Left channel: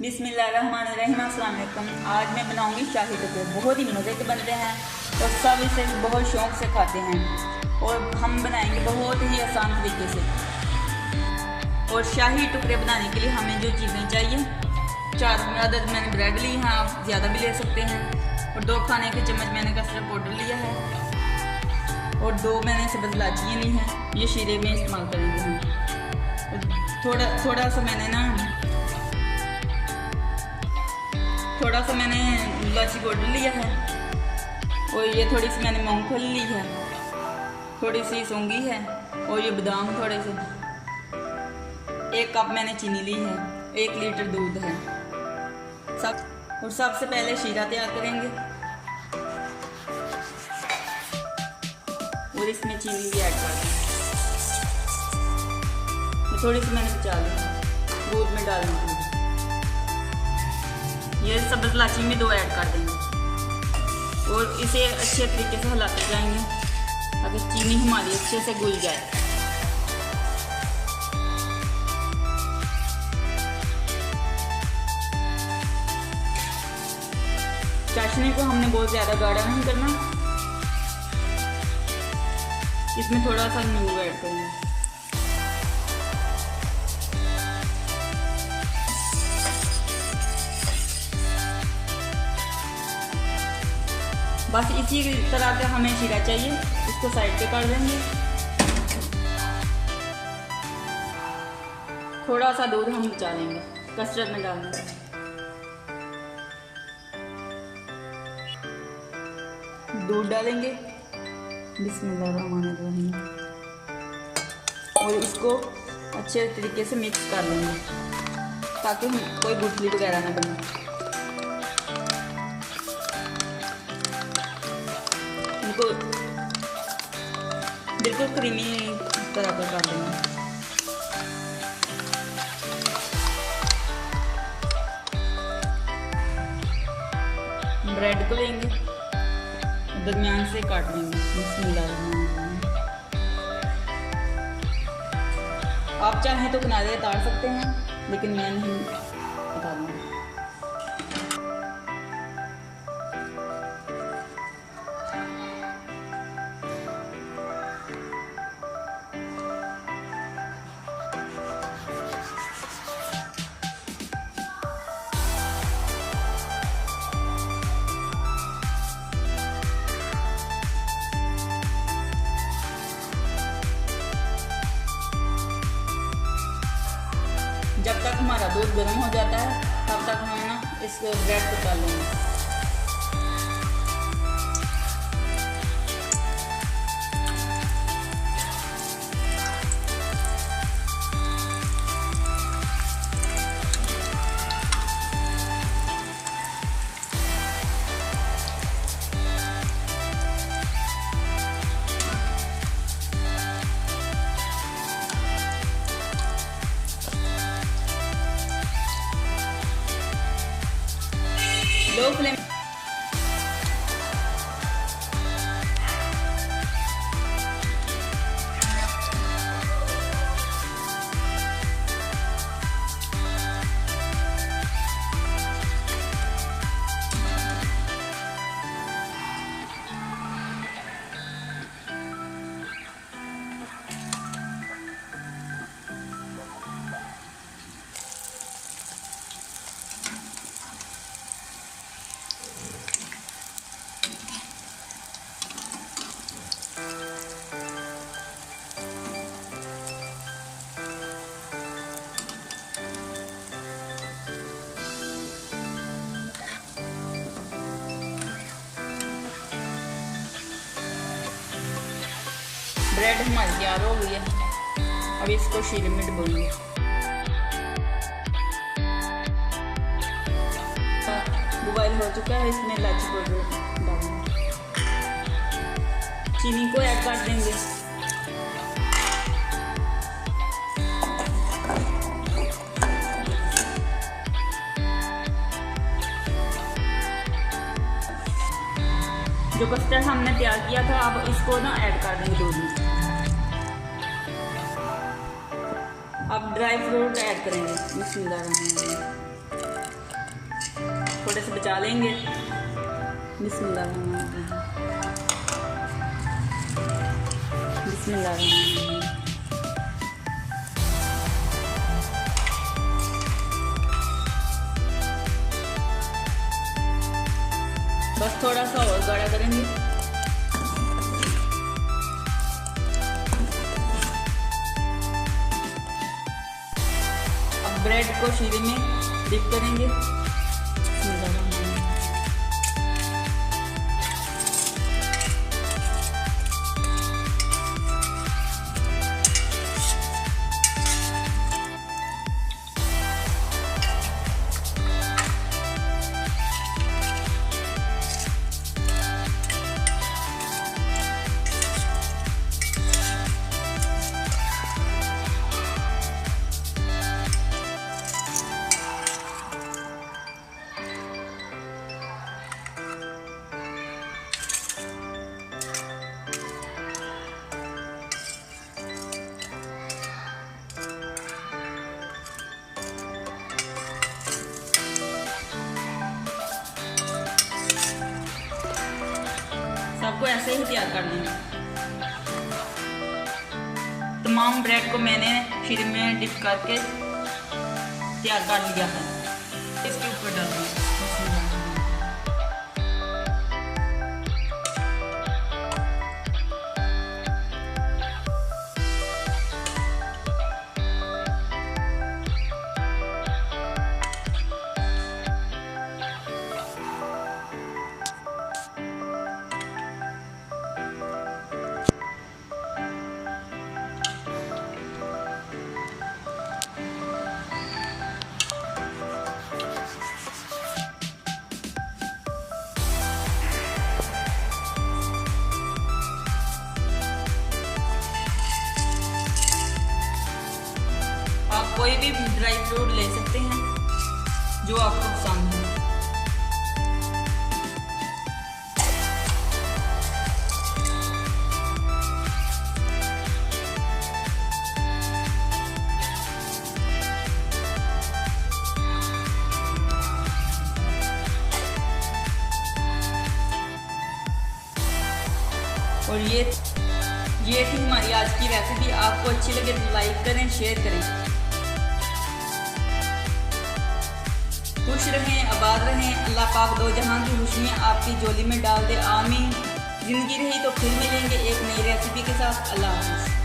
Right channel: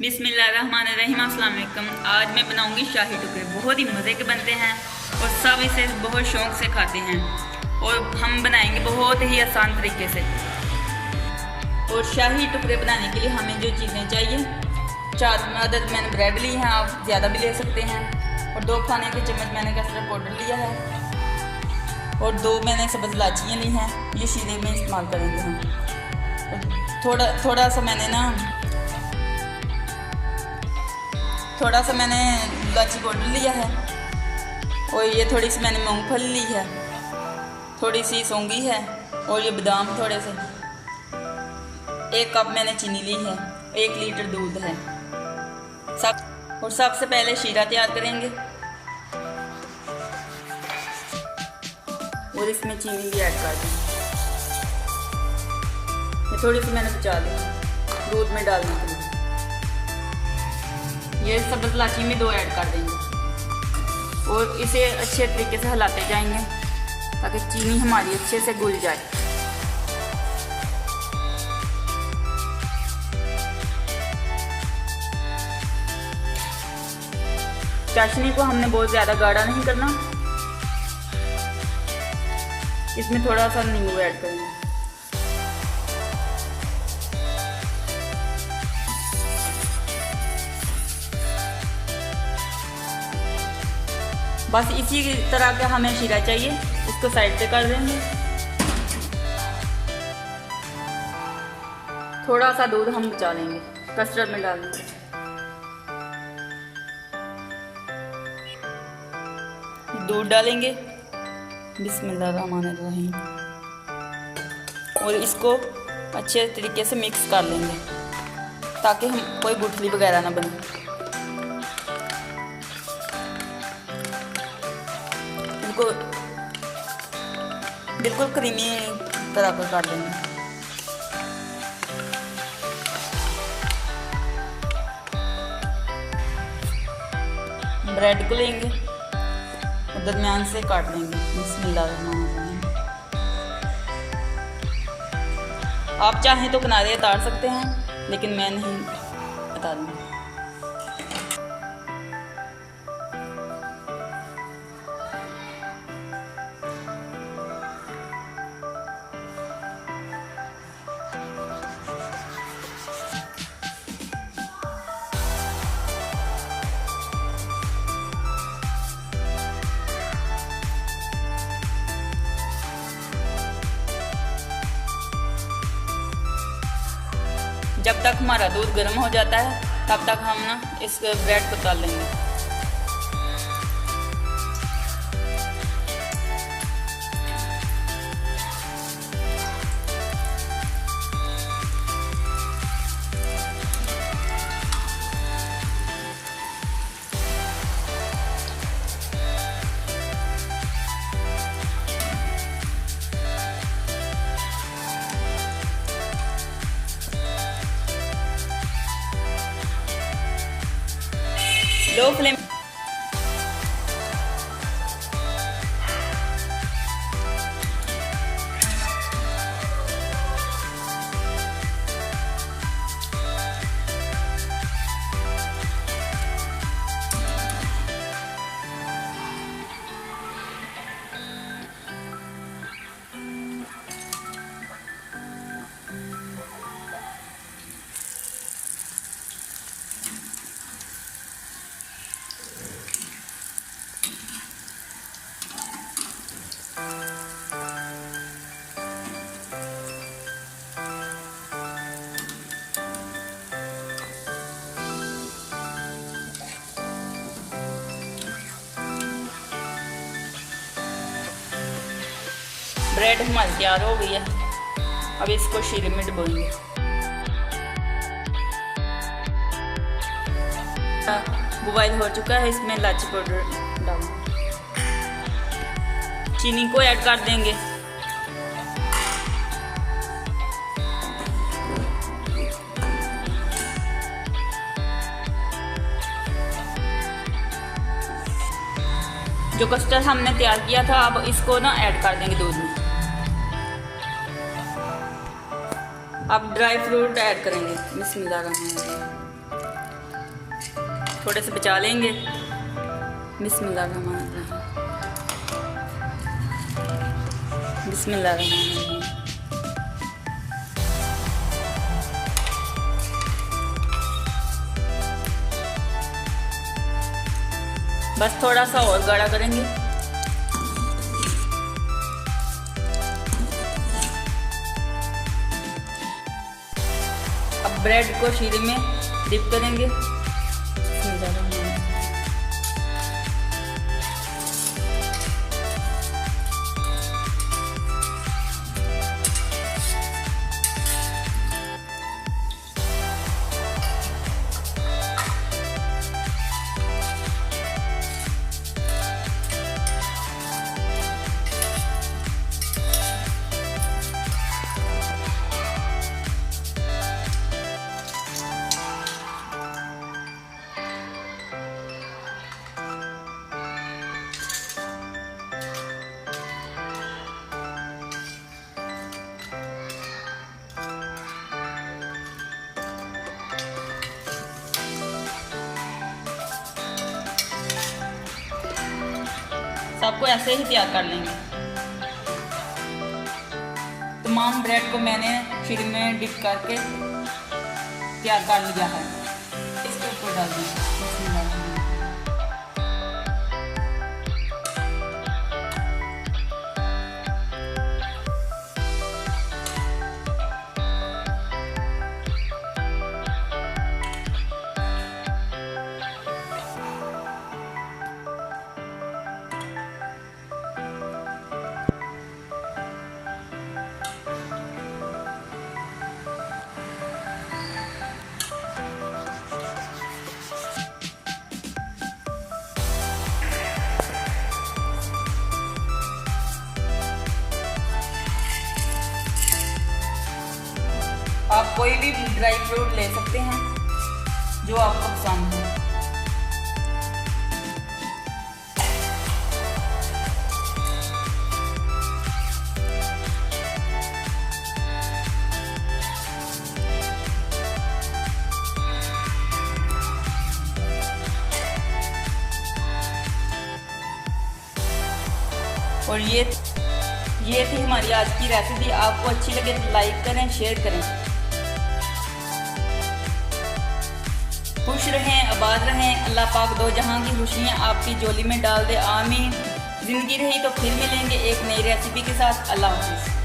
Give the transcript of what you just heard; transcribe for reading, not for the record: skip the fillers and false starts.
बिस्मिल्लाहिर्रहमानिर्रहीम। अस्सलाम वालेकुम। आज मैं बनाऊंगी शाही टुकड़े। बहुत ही मज़े के बनते हैं और सब इसे बहुत शौक़ से खाते हैं और हम बनाएंगे बहुत ही आसान तरीके से। और शाही टुकड़े बनाने के लिए हमें जो चीज़ें चाहिए, 4 अदद मैंने ब्रेड ली हैं, आप ज़्यादा भी ले सकते हैं। और 2 खाने के चम्मच मैंने कस्टर्ड पाउडर लिया है और 2 मैंने सब्ज़ इलायचियाँ ली हैं। ये शीरे में इस्तेमाल करेंगे हम। थोड़ा सा मैंने इलायची पाउडर लिया है और ये थोड़ी सी मैंने मूंगफली ली है, थोड़ी सी सौंगी है और ये बादाम थोड़े से। 1 कप मैंने चीनी ली है, 1 लीटर दूध है। सबसे पहले शीरा तैयार करेंगे और इसमें चीनी भी ऐड कर दी। थोड़ी सी मैंने बचा ली दूध में डालने के लिए। ये सब्ज़ इलायची में 2 ऐड कर देंगे और इसे अच्छे तरीके से हिलाते जाएंगे ताकि चीनी हमारी अच्छे से घुल जाए। चाशनी को हमने बहुत ज़्यादा गाढ़ा नहीं करना, इसमें थोड़ा सा नींबू ऐड करेंगे। बस इसी तरह का हमें शीरा चाहिए, इसको साइड पे कर देंगे। थोड़ा सा दूध हम बचा लेंगे, कस्टर्ड में डाल देंगे। दूध डालेंगे, बिस्मिल्लाहिर्रहमानिर्रहीम, और इसको अच्छे तरीके से मिक्स कर लेंगे ताकि कोई गुठली वगैरह ना बने। इनको बिल्कुल क्रीमी तरह पर कर देंगे। ब्रेड को लेंगे और दरमियान से काट लेंगे। बिस्मिल्लाहिर्रहमानिर्रहीम। आप चाहें तो किनारे उतार सकते हैं, लेकिन मैं नहीं उतारूंगी। जब तक हमारा दूध गर्म हो जाता है तब तक हम ना इस ब्रेड को तल लेंगे। लो फ्लेम ब्रेड हमारी तैयार हो गई है। अब इसको शीरे में डुबोएंगे। बॉयल हो चुका है, इसमें इलायची पाउडर डालेंगे, चीनी को ऐड कर देंगे। जो कस्टर्ड हमने तैयार किया था अब इसको ना ऐड कर देंगे दूध में। अब ड्राई फ्रूट ऐड करेंगे। बिस्मिल्लाह, थोड़े से बचा लेंगे। बिस्मिल्लाह, बिस्मिल्लाह। बस थोड़ा सा और गाढ़ा करेंगे। अब ब्रेड को शीरे में डिप करेंगे। सबको ऐसे ही तैयार कर लेंगे। तमाम ब्रेड को मैंने शीरे में डिप करके तैयार कर लिया है। इसके ऊपर डाल देंगे। आप कोई भी ड्राई फ्रूट ले सकते हैं जो आपको पसंद हो। और ये थी हमारी आज की रेसिपी। आपको अच्छी लगे तो लाइक करें, शेयर करें। खुश रहें, आबाद रहें। अल्लाह पाक दो जहां की खुशियाँ आपकी झोली में डाल दे। आमीन। जिंदगी रही तो फिर मिलेंगे एक नई रेसिपी के साथ। अल्लाह हाफ़िज़।